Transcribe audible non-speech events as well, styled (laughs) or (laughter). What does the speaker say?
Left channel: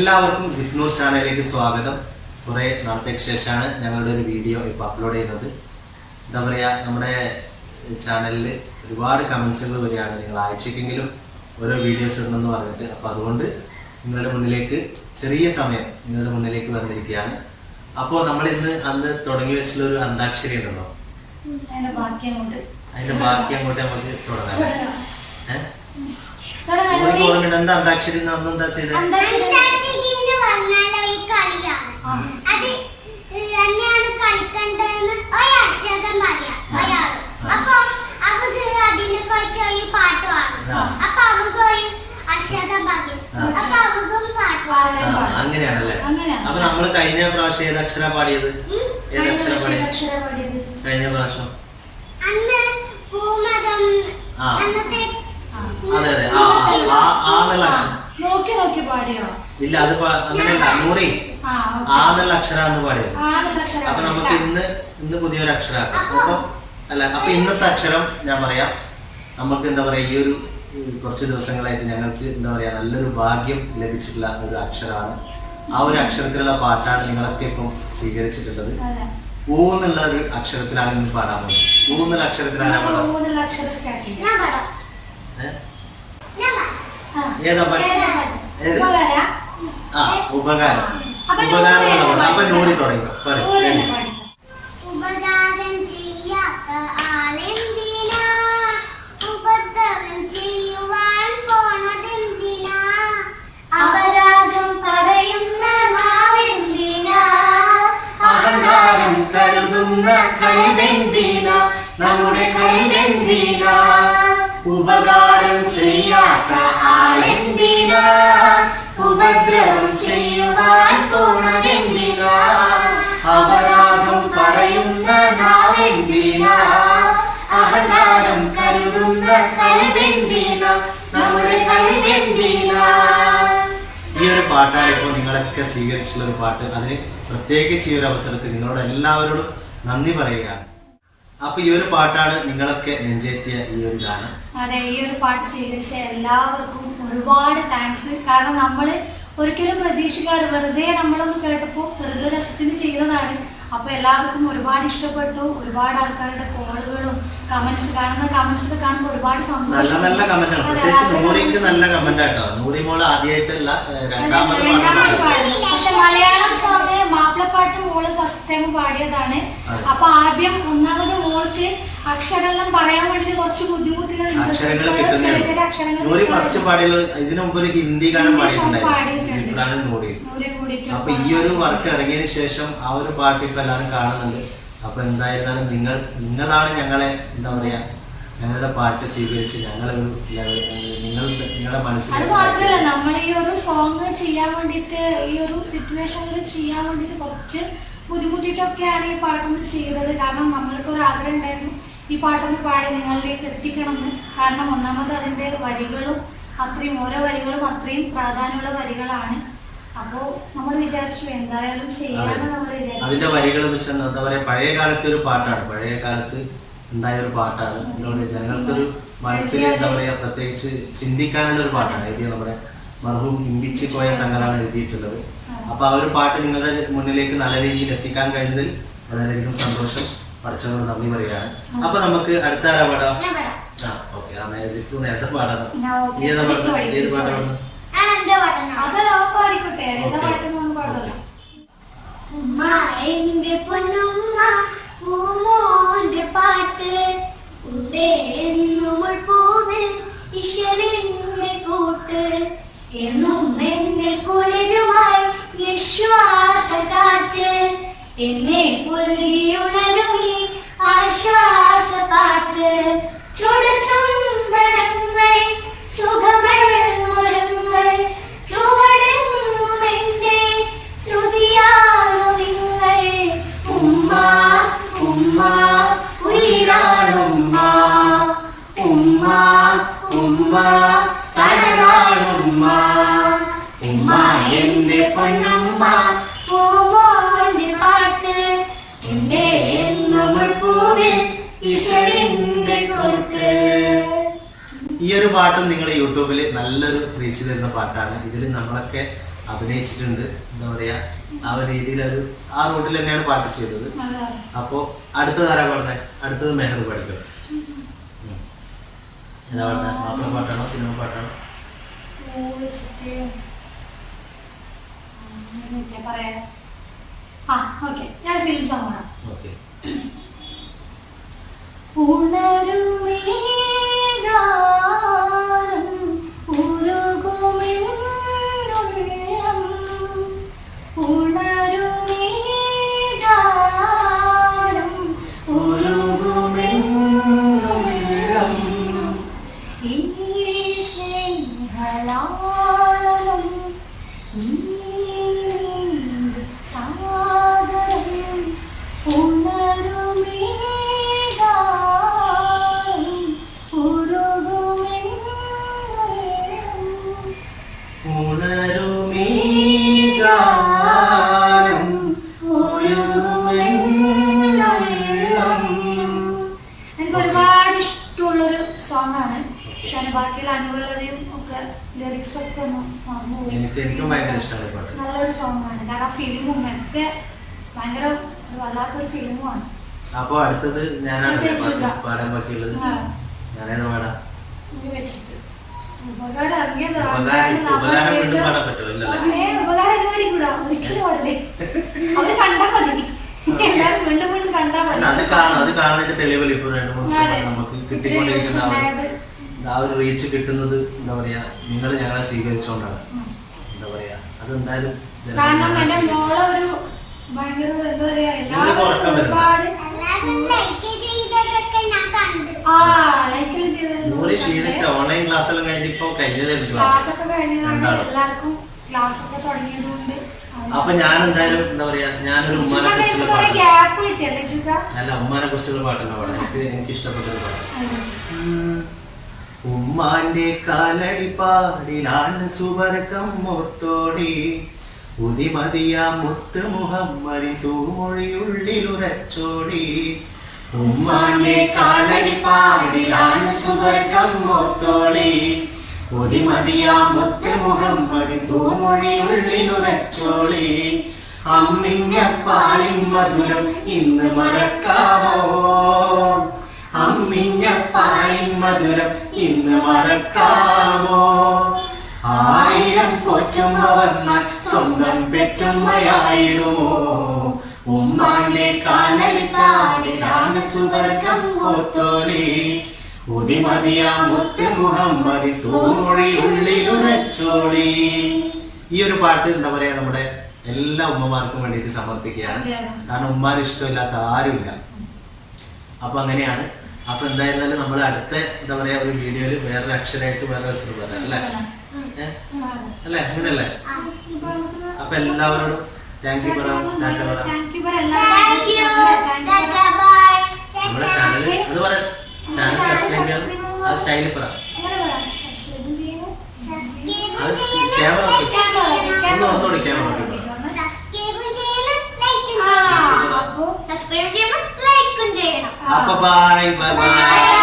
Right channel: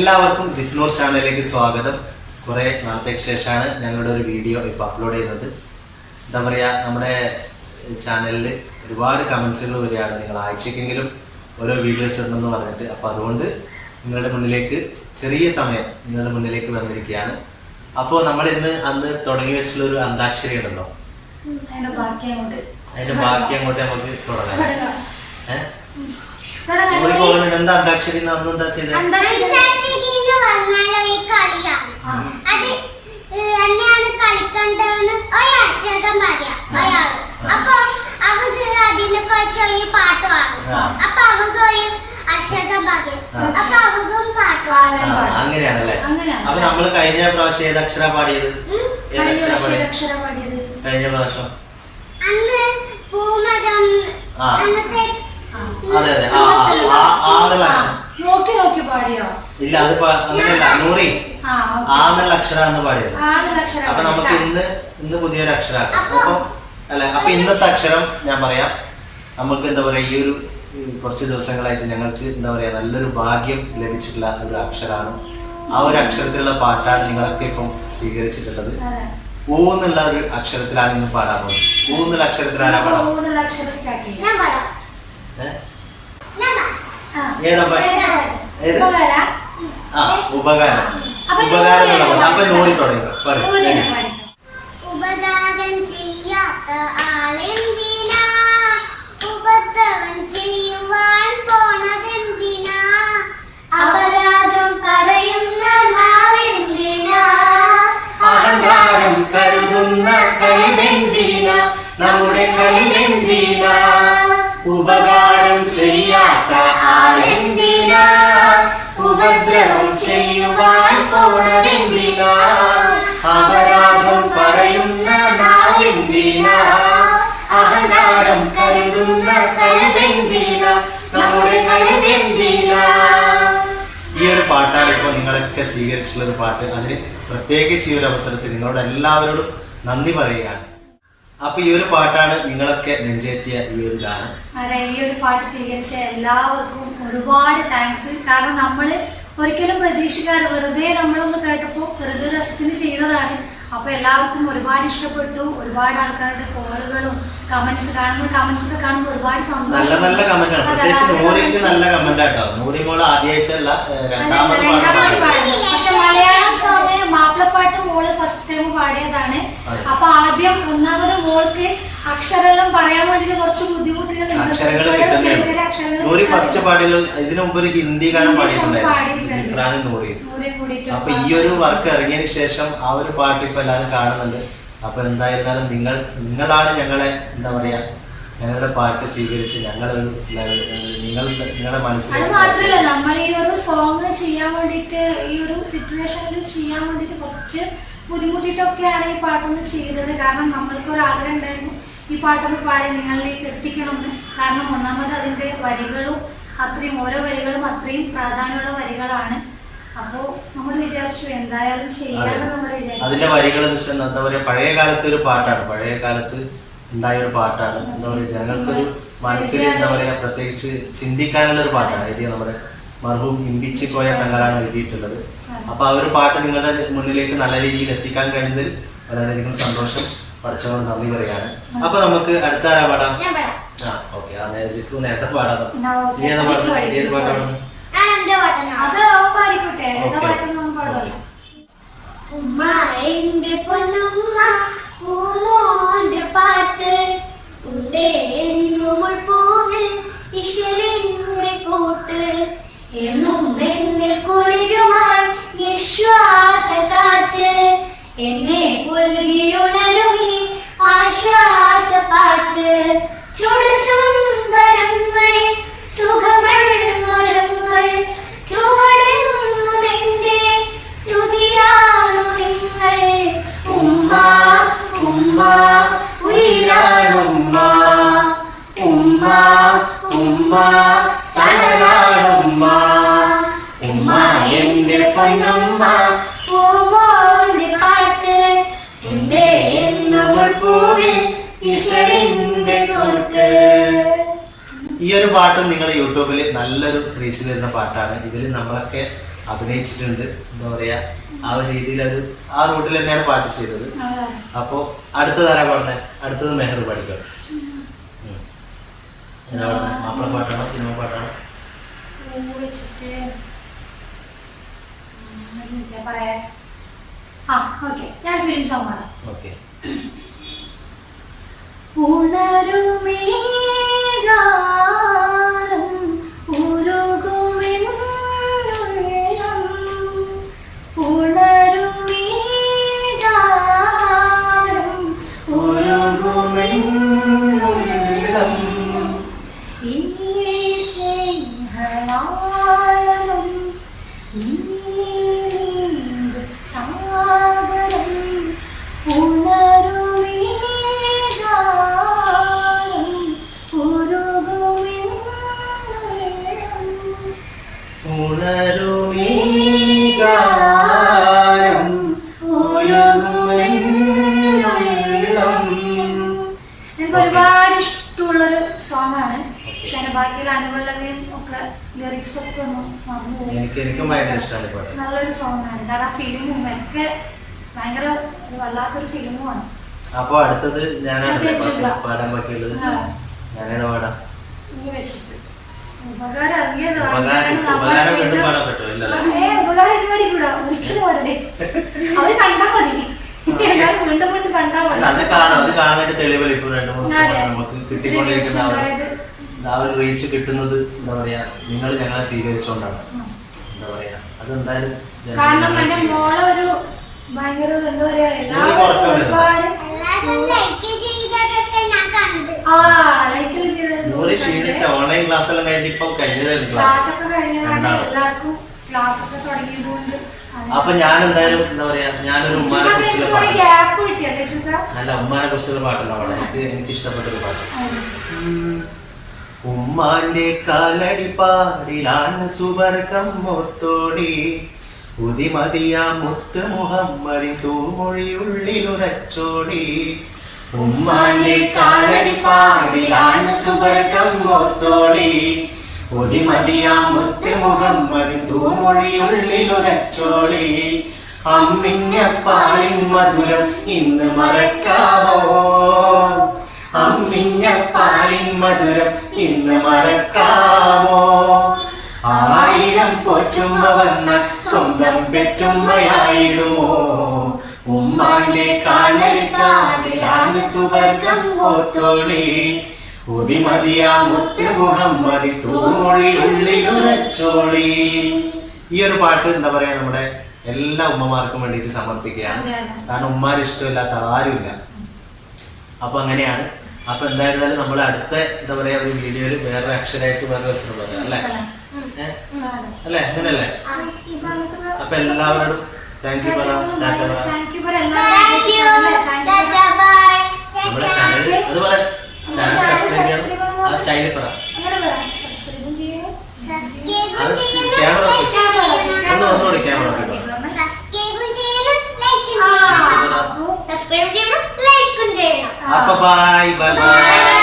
എല്ലാവർക്കും സിഫ്നൂർ ചാനലിലേക്ക് സ്വാഗതം. കുറേ നാളത്തേക്ക് ശേഷമാണ് ഞങ്ങളുടെ ഒരു വീഡിയോ ഇപ്പോൾ അപ്ലോഡ് ചെയ്യുന്നത്. എന്താ പറയുക നമ്മുടെ ചാനലിൽ ഒരുപാട് കമൻസുകൾ വരികയാണ്. നിങ്ങൾ ആഴ്ചക്കെങ്കിലും ഓരോ വീഡിയോസ് ഇടണമെന്ന് പറഞ്ഞിട്ട്. അപ്പോൾ അതുകൊണ്ട് നിങ്ങളുടെ മുന്നിലേക്ക് ചെറിയ സമയം നിങ്ങളുടെ മുന്നിലേക്ക് വന്നിരിക്കുകയാണ്. അപ്പോൾ നമ്മൾ ഇന്ന് അന്ന് തുടങ്ങി വെച്ചിട്ടുള്ള ഒരു അന്താക്ഷരി ഉണ്ടല്ലോ. അതിന്റെ ബാക്കി അങ്ങോട്ട്. നമുക്ക് തുടങ്ങാം. ഏഹ് ഓർമ്മയുണ്ട്. എന്താ അന്താക്ഷരി അന്ന് എന്താ ചെയ്തത് പറഞ്ഞാലോ ഈ കളിയാണ്. അത് എന്നെയാണ് കളിക്കണ്ടെന്ന് ഒരു അർഷകം അയാൾ അപ്പൊ അവക്ക് അതിനെ കുറിച്ച് ഒരു പാട്ട് പാടും. അപ്പൊ അവക്ക് ഒരു അർഷകം പറയും. അപ്പൊ അവക്കും പാട്ട് പാടും അങ്ങനെയാണല്ലേ അങ്ങനെയാണ്. അപ്പൊ നമ്മൾ കഴിഞ്ഞ പ്രാവശ്യം ഏത് അക്ഷര പാടിയത്. ഏത് കഴിഞ്ഞ അക്ഷര പാടിയത്. കഴിഞ്ഞ പ്രാവശ്യം അന്ന് പൂമകം. അതെ അതെ ആ ആ, ആ ആ എന്നുള്ള ആ, അക്ഷരം നോക്കി നോക്കി പാടിയോ? ഇല്ല അത് അങ്ങനെയല്ല നൂറി. ആ എന്നുള്ള അക്ഷരാന്ന് പാടിയത്. അപ്പൊ നമുക്ക്. ഇന്ന് ഇന്ന് പുതിയൊരു അക്ഷരാക്കാം. അപ്പൊ- അല്ല അപ്പൊ ഇന്നത്തെ അക്ഷരം ഞാൻ പറയാം. നമുക്ക് എന്താ പറയാ ഈ ഒരു കുറച്ച് ദിവസങ്ങളായിട്ട് ഞങ്ങൾക്ക് എന്താ പറയാ നല്ലൊരു ഭാഗ്യം ലഭിച്ചിട്ടുള്ള ഒരു അക്ഷരമാണ് ആ ഒരു അക്ഷരത്തിലുള്ള പാട്ടാണ് നിങ്ങളൊക്കെ ഇപ്പം സ്വീകരിച്ചിട്ടുള്ളത്. അതെ. ഊ എന്നുള്ള ഒരു അക്ഷരത്തിലാണ് ഇന്ന് പാടാൻ പോകുന്നത്. ഊ എന്നുള്ള അക്ഷരത്തിലാണ് പാടാം മൂന്നുള്ള അക്ഷരം സ്റ്റാർട്ട് ചെയ്യാം ഞാൻ പാടാം ഏ? ഞാൻ പാടാം ആ. ഏതാ ഏത്? ആ ഉപകാരം. ഉപകാരം എന്നുള്ള പാട്ട് അപ്പൊ നൂറി തുടങ്ങി. പാടി ready? പാടിക്കോ. ഉപകാരം ചെയ്യാത്ത ആളെന്തിനാ? ഉപദ്രവം ചെയ്യുവാൻ പോണതെന്തിനാ? അപരാധം പറയുന്ന നാവെന്തിനാ? അഹങ്കാരം കരുതുന്ന കൈബെന്തിന നമ്മുടെ കൈബെന്തിന ഉപകാരം ചെയ്യാത്ത ആളെന്തിനാ? ഉപദ്രവം ചെയ്യുവാൻ പോണതെന്തിനാ? അപരാധം പറയുന്ന നാളെന്തിനാ? അഹങ്കാരം കരുതുന്ന കൈബെന്തിന നമ്മുടെ കൈബെന്തിന ഈ ഒരു പാട്ടാണ് ഇപ്പോൾ നിങ്ങളൊക്കെ സ്വീകരിച്ചിട്ടുള്ള ഒരു പാട്ട്. അതിന് പ്രത്യേകിച്ച് ഈ ഒരു അവസരത്തിൽ നിങ്ങളോട് എല്ലാവരോടും നന്ദി പറയുകയാണ്. അപ്പൊ ഈ ഒരു പാട്ടാണ് നിങ്ങളൊക്കെ നെഞ്ചേറ്റിയ ഈ ഒരു ഗാനം. അതെ ഈ ഒരു പാട്ട് സ്വീകരിച്ച എല്ലാവർക്കും ഒരുപാട് താങ്ക്സ് കാരണം നമ്മൾ ഒരിക്കലും പ്രതീക്ഷിക്കാറ് വെറുതെ നമ്മളൊന്ന് കേട്ടപ്പോൾ വെറുതെ രസത്തിന് ചെയ്യുന്നതാണ് അപ്പൊ എല്ലാവർക്കും ഒരുപാട് ഇഷ്ടപ്പെട്ടു. ഒരുപാട് ആൾക്കാരുടെ കോളുകളും കമന്റ്സ് കാണുന്ന കമന്റ്സ് ഒക്കെ കാണുമ്പോൾ ഒരുപാട് നല്ല നല്ല കമന്റ് ആണ്. പ്രത്യേകിച്ച് നൂറിക്ക് നല്ല കമന്റ് ആട്ടോ നൂറി മോൾ ആദ്യമായിട്ടല്ല രണ്ടാമത്. പക്ഷെ മലയാളം സോങ് മാപ്പിളപ്പാട്ട് മോൾ ഫസ്റ്റ് ടൈം പാടിയതാണ്. അപ്പൊ ആദ്യം ഒന്നാമത് മോൾക്ക് അക്ഷരമെല്ലാം പറയാൻ വേണ്ടിട്ട് കുറച്ച് ബുദ്ധിമുട്ടുകൾ അക്ഷരങ്ങൾ ഫസ്റ്റ് പാടിയല്ലോ ഇതിനു മുമ്പ് ഒരു ഹിന്ദി ഗാനം പാടിയിട്ടുണ്ടായിരുന്നു. അപ്പൊ ഈ ഒരു വർക്ക് ഇറങ്ങിയതിന് ശേഷം ആ ഒരു പാട്ട് ഇപ്പൊ എല്ലാവരും കാണുന്നുണ്ട്. അപ്പൊ എന്തായിരുന്നാലും നിങ്ങൾ നിങ്ങളാണ് ഞങ്ങളെ എന്താ പറയാ ഞങ്ങളുടെ പാട്ട് സ്വീകരിച്ച് ഞങ്ങൾ നിങ്ങൾ നിങ്ങളുടെ മനസ്സിൽ അത് മാത്രമല്ല നമ്മൾ ഈ ഒരു സോങ് ചെയ്യാൻ വേണ്ടിയിട്ട് ഈ ഒരു സിറ്റുവേഷനിൽ ചെയ്യാൻ വേണ്ടിയിട്ട് കുറച്ച് ബുദ്ധിമുട്ടിയിട്ടൊക്കെയാണ് ഈ പാട്ടൊന്ന് ചെയ്തത്. കാരണം നമ്മൾക്ക് ഒരു ആഗ്രഹം ഉണ്ടായിരുന്നു ഈ പാട്ടൊന്ന് പാടി നിങ്ങളിലേക്ക് എത്തിക്കണം എന്ന് കാരണം ഒന്നാമത് അതിന്റെ വരികളും അത്രയും ഓരോ വരികളും അത്രയും പ്രാധാന്യമുള്ള വരികളാണ്. അപ്പോൾ നമ്മൾ വിചാരിച്ചു എന്തായാലും ചെയ്യാന്ന് നമ്മൾ അതിന്റെ വിചാരിച്ചു. വരികൾ എന്ന് വെച്ചാൽ എന്താ പറയാ പഴയ കാലത്തെ ഒരു പാട്ടാണ്. പഴയ കാലത്ത് ഉണ്ടായ ഒരു പാട്ടാണ്. എന്താ പറയുക ജനങ്ങൾക്കൊരു മനസ്സിൽ എന്താ പറയുക പ്രത്യേകിച്ച് ചിന്തിക്കാനുള്ള ഒരു പാട്ടാണ്. എഴുതിയ നമ്മുടെ മർഹൂം ഇമ്പിച്ചി പോയ തങ്ങളാണ് എഴുതിയിട്ടുള്ളത്. അപ്പൊ ആ ഒരു പാട്ട് നിങ്ങളുടെ മുന്നിലേക്ക് നല്ല രീതിയിൽ എത്തിക്കാൻ കഴിഞ്ഞതിൽ വളരെയധികം സന്തോഷം. പഠിച്ചവരോട് നന്ദി പറയാണ് അപ്പൊ നമുക്ക് അടുത്ത ആരാ പാടാം? ഞാൻ പാടാം. ആ ഓക്കെ. ആ ജിഫു നേരത്തെ പാടാം. നീ ഏതാ പാട്ട് ഏത് പാട്ടാണ് ഉമ്മ എന്റെ പൊന്നുമ്മ പൂമോന്റെ പാട്ട് ഉണ്ടേ എന്നുമുൾ പൂവ് ഇശലിന്റെ കൂട്ട് എന്നും എന്നെ കുളിരുമാൾ വിശ്വാസ കാറ്റ്. എന്നെ പുൽകിയുണരുമി ആശ്വാസ പാട്ട്. ചുടുചുംബനങ്ങൾ സുഖമഴങ്ങൾ ചുവടുന്നുമെന്റെ ശ്രുതിയാണു നിങ്ങൾ. ഉമ്മ ഉമ്മ ഉയരാണുമ്മ ഉമ്മ ഉമ്മ തണലാണുമ്മ ഉമ്മ എന്റെ പൊന്നുമ്മ പൂമോന്റെ പാട്ട്. എന്റെ നമ്മൾ പൂവിൽ ഈശ്വരന്റെ കൂട്ട് ഈ ഒരു പാട്ടും നിങ്ങളുടെ യൂട്യൂബിൽ നല്ലൊരു റീച്ച് തരുന്ന പാട്ടാണ്. ഇതിൽ നമ്മളൊക്കെ അഭിനയിച്ചിട്ടുണ്ട്. എന്താ പറയാ ആ ഒരു രീതിയിൽ ഒരു ആ റൂട്ടിൽ തന്നെയാണ് പാട്ട് ചെയ്തത്. അതെ. അപ്പോ അടുത്തത് ആരാ പാടുന്നത് അടുത്തത് മെഹർ പഠിക്കും. എന്താ പറഞ്ഞ മാപ്പിള പാട്ടാണോ സിനിമ പാട്ടാണോ? ഞാൻ ഫിലിം സോങ് ആണ് ഓക്കെ. ഒരുപാട് ഇഷ്ടമുള്ളൊരു സോങ് ആണ് Okay. പക്ഷെ ബാക്കിയുള്ള ഒക്കെ ലിറിക്സ് ഒക്കെ ഒന്ന് മറന്നു പോകും. എനിക്ക് എനിക്കും ഭയങ്കര ഇഷ്ടമാണ് ഈ പാട്ട്. നല്ലൊരു സോങ് ആണ്. കാരണം ആ ഒക്കെ ഭയങ്കര വല്ലാത്തൊരു ഫിലിമുമാണ് അപ്പൊ അടുത്തത് ഞാനാണ് പാടാൻ ബാക്കിയുള്ളത്. ഞാനേതാ പാടാം? വെച്ചിട്ട്. ഉപകാരം ഉപകാരം വീണ്ടും പാടാൻ പറ്റുമോ? ഇല്ലല്ലോ? ഏ ഉപകാരം എന്നോട് കൂടാ ഒരിക്കലും (laughs) പാടണേ അവർ കണ്ടാ മതി. എല്ലാവരും വീണ്ടും വീണ്ടും കണ്ടാ അത് കാണാം. അത് കാണുന്നതിന്റെ തെളിവ് ഇപ്പൊ രണ്ടു മൂന്ന് നമുക്ക് കിട്ടിക്കൊണ്ടിരിക്കുന്ന ആ ഒരു റീച്ച് കിട്ടുന്നത് എന്താ പറയാ നിങ്ങൾ ഞങ്ങളെ സ്വീകരിച്ചോണ്ടാണ്. എന്താ പറയാ അത് എന്തായാലും ജനങ്ങൾ കാരണം എന്റെ. മോളെ ഒരു ഭയങ്കര എന്താ പറയാ എല്ലാവരും. ഒരുപാട് ആ ലൈക്കിൽ ഓൺലൈൻ ക്ലാസ് എല്ലാം കഴിഞ്ഞ് ഇപ്പൊ കഴിഞ്ഞതായിരുന്നു ക്ലാസ് ക്ലാസ് ഒക്കെ കഴിഞ്ഞാൽ രണ്ടാളും. എല്ലാവർക്കും. ക്ലാസ് ഒക്കെ തുടങ്ങിയതുകൊണ്ട്. അപ്പൊ ഞാൻ എന്തായാലും എന്താ പറയാ ഞാനൊരു ഉമ്മാനെ കുറിച്ചുള്ള പാട്ട്. അല്ല ഉമ്മാനെ കുറിച്ചുള്ള പാട്ടുണ്ടാവണം എനിക്ക് എനിക്ക് ഇഷ്ടപ്പെട്ട ഒരു പാട്ട് ഉമ്മാന്റെ കാലടി പാടിലാണ് സുവർഗം മൊത്തോടി. ഉതിമതിയ മുത്ത് മുഹമ്മദിൻ തൂമൊഴിയുള്ളിലുറച്ചോടി ഉമ്മാന്റെ കാലടി പാടിലാണ് സുവർഗം മുത്തോടി. ഉതിമതിയ മുത്ത് മുഹമ്മദിൻ തൂമൊഴിയുള്ളിലുറച്ചോളി അമ്മിഞ്ഞ പാലിൻ മധുരം ഇന്ന് മറക്കാമോ? അമ്മിഞ്ഞ പാലിൻ മധുരം ഇന്ന് മറക്കാമോ? ആയിരം പോറ്റുമ്മ വന്ന സ്വന്തം പെറ്റുമ്മയായിടുമോ ഉമ്മാന്റെ കാലടി താടിലാണ് സുവർഗം പോത്തോളി. ഉതിമതിയാ മുത്ത് മുഹമ്മദി തൂമൊഴി ഉള്ളിലുറച്ചോളി ഈ ഒരു പാട്ട് എന്താ പറയാ നമ്മുടെ എല്ലാ ഉമ്മമാർക്കും വേണ്ടിയിട്ട് സമർപ്പിക്കുകയാണ്. കാരണം ഉമ്മാരിഷ്ടമില്ലാത്ത ആരുമില്ല. അപ്പൊ അങ്ങനെയാണ് അപ്പൊ എന്തായിരുന്നാലും നമ്മൾ അടുത്ത എന്താ പറയാ ഒരു വീഡിയോയിൽ വേറൊരു അക്ഷരമായിട്ട് വേറെ രസം പറയാം അല്ലേ? അല്ലേ? അങ്ങനല്ലേ അപ്പൊ എല്ലാവരോടും താങ്ക് യു പറ ടാറ്റ പറ. നമ്മുടെ ചാനൽ അത് പറ ചാനൽ സബ്സ്ക്രൈബ് ചെയ്യണം. അത് സ്റ്റൈലിൽ പറ. അങ്ങനെ പറ. സബ്സ്ക്രൈബും ചെയ്യണം. സബ്സ്ക്രൈബ് ക്യാമറ ഒന്ന് ഒന്നുകൂടി ക്യാമറ സബ്സ്ക്രൈബ് ചെയ്യണം. ലൈക്ക് ആ, ചെയ്യണം. സബ്സ്ക്രൈബ് ചെയ്യണം ലൈക്കും